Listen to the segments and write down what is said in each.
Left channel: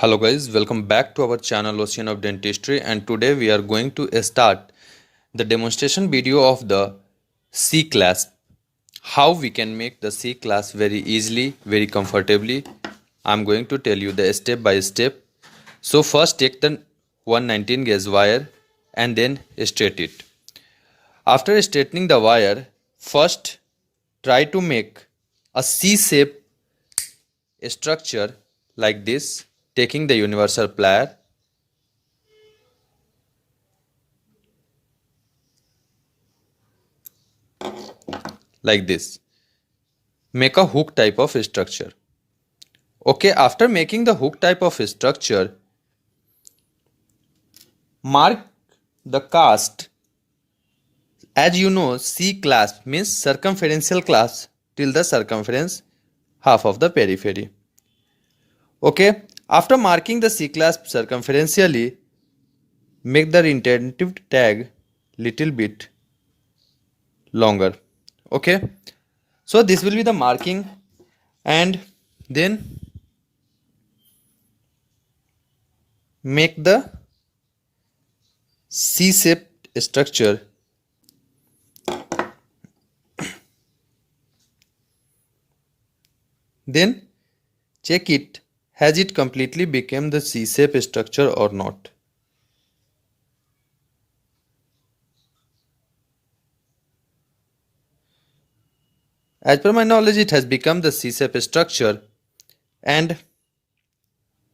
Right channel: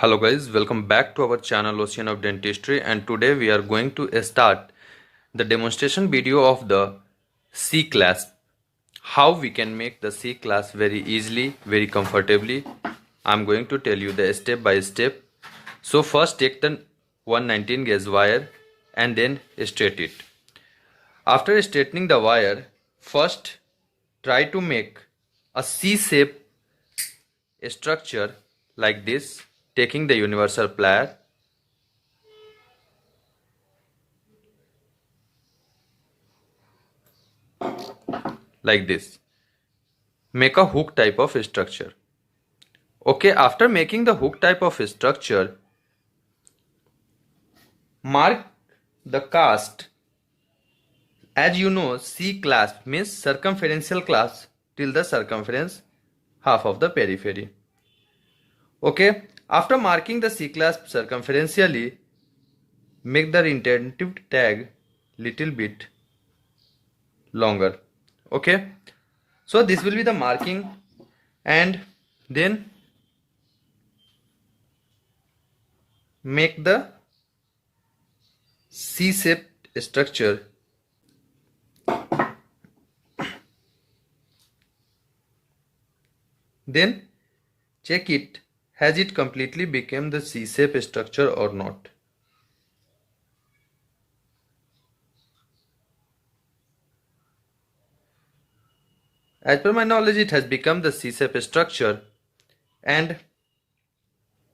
Hello guys, welcome back to our channel Ocean of Dentistry, and today we are going to start the demonstration video of the C class. How we can make the C class very easily, very comfortably. I'm going to tell you the step by step. So first take the 119 gauge wire and then straight it. After straightening the wire, first try to make a C shape structure like this, taking the universal plier like this. Make a hook type of structure. Okay, after making the hook type of structure, mark the cast. As you know, C clasp means circumferential clasp till the circumference half of the periphery. Okay, after marking the C clasp circumferentially, make the retentive tag little bit longer. Okay, so this will be the marking, and then make the C-shaped structure. Then check it, has it completely become the C-shape structure or not. As per my knowledge, it has become the C-shape structure and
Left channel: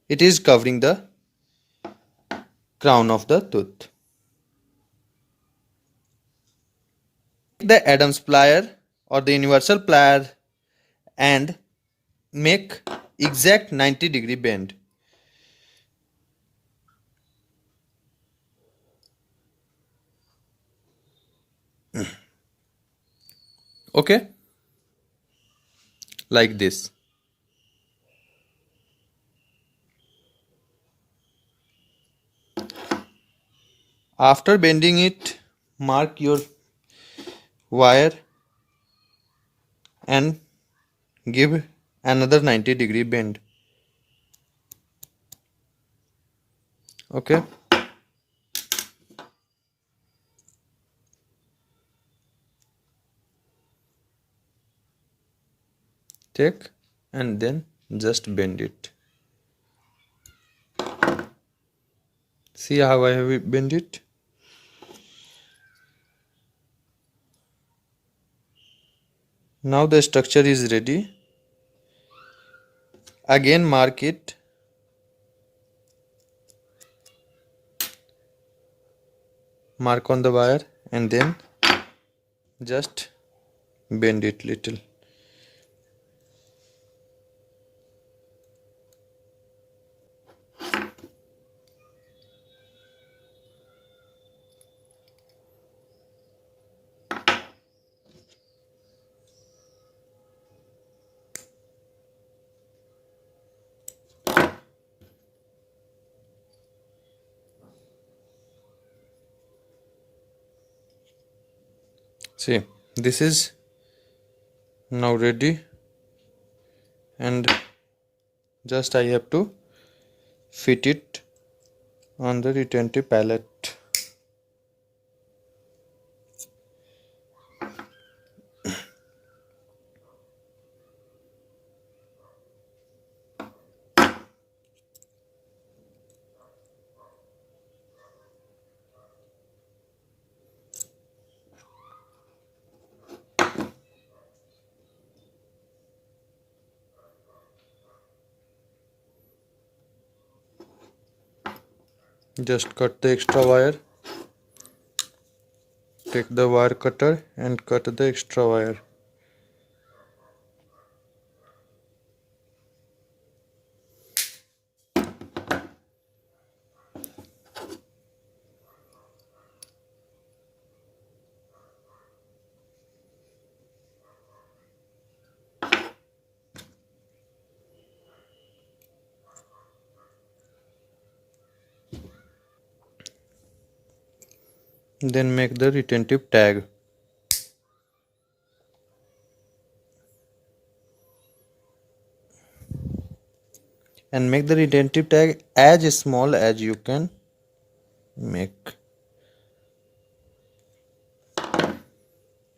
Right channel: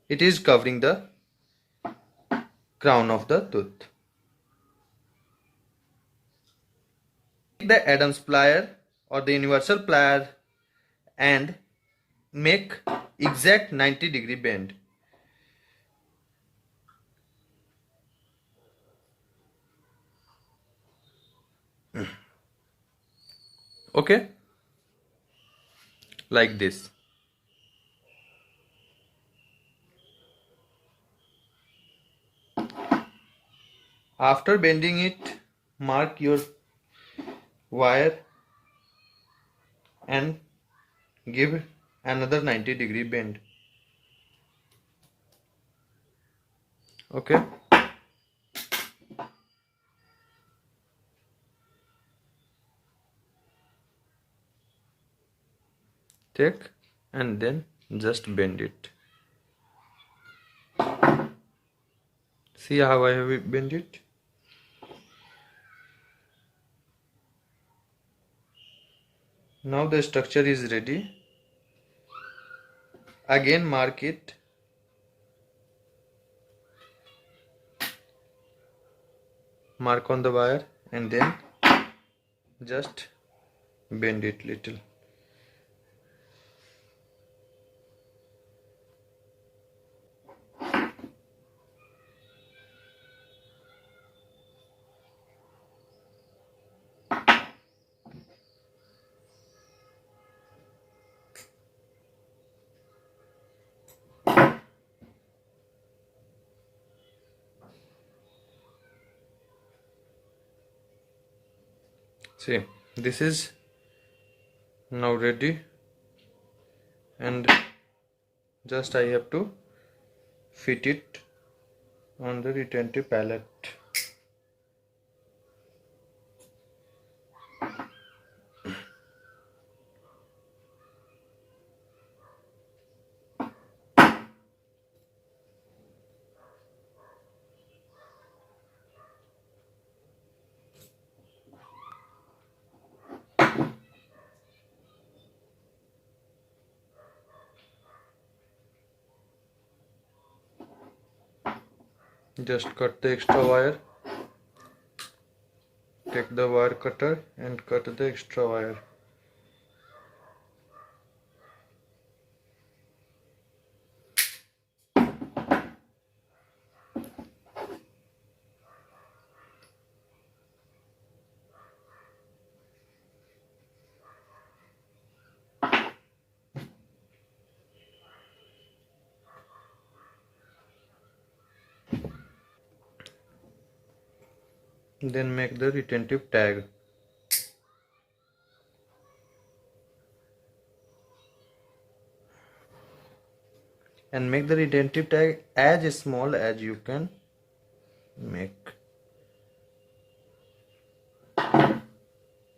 it is covering the crown of the tooth. Take the Adams plier or the universal plier and make exact 90-degree bend. Okay, like this. After bending it, mark your wire and give another 90-degree bend. Okay, take and then just bend it. See how I have bent it. Now the structure is ready. Again mark it. Mark on the wire and then just bend it little. See, this is now ready and just I have to fit it on the retentive pallet. Just cut the extra wire. Take the wire cutter and cut the extra wire. Then make the retentive tag. and make the retentive tag as small as you can make.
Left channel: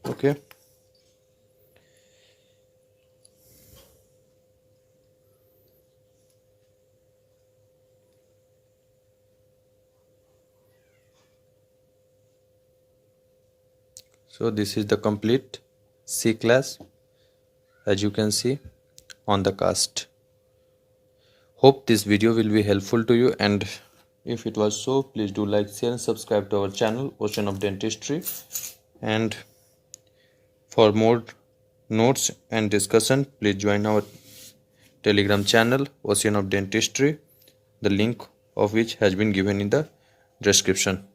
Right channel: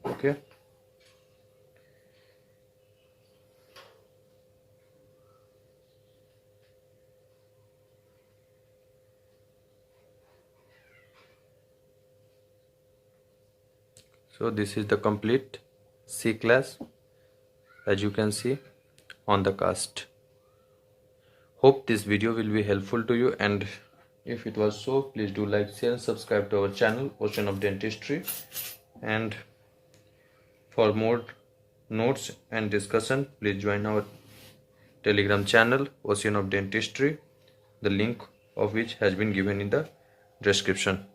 Okay. So this is the complete C class, as you can see on the cast. Hope this video will be helpful to you, and if it was so, please do like, share and subscribe to our channel Ocean of Dentistry. And for more notes and discussion, please join our Telegram channel Ocean of Dentistry, the link of which has been given in the description.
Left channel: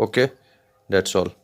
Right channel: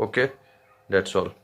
Okay, that's all.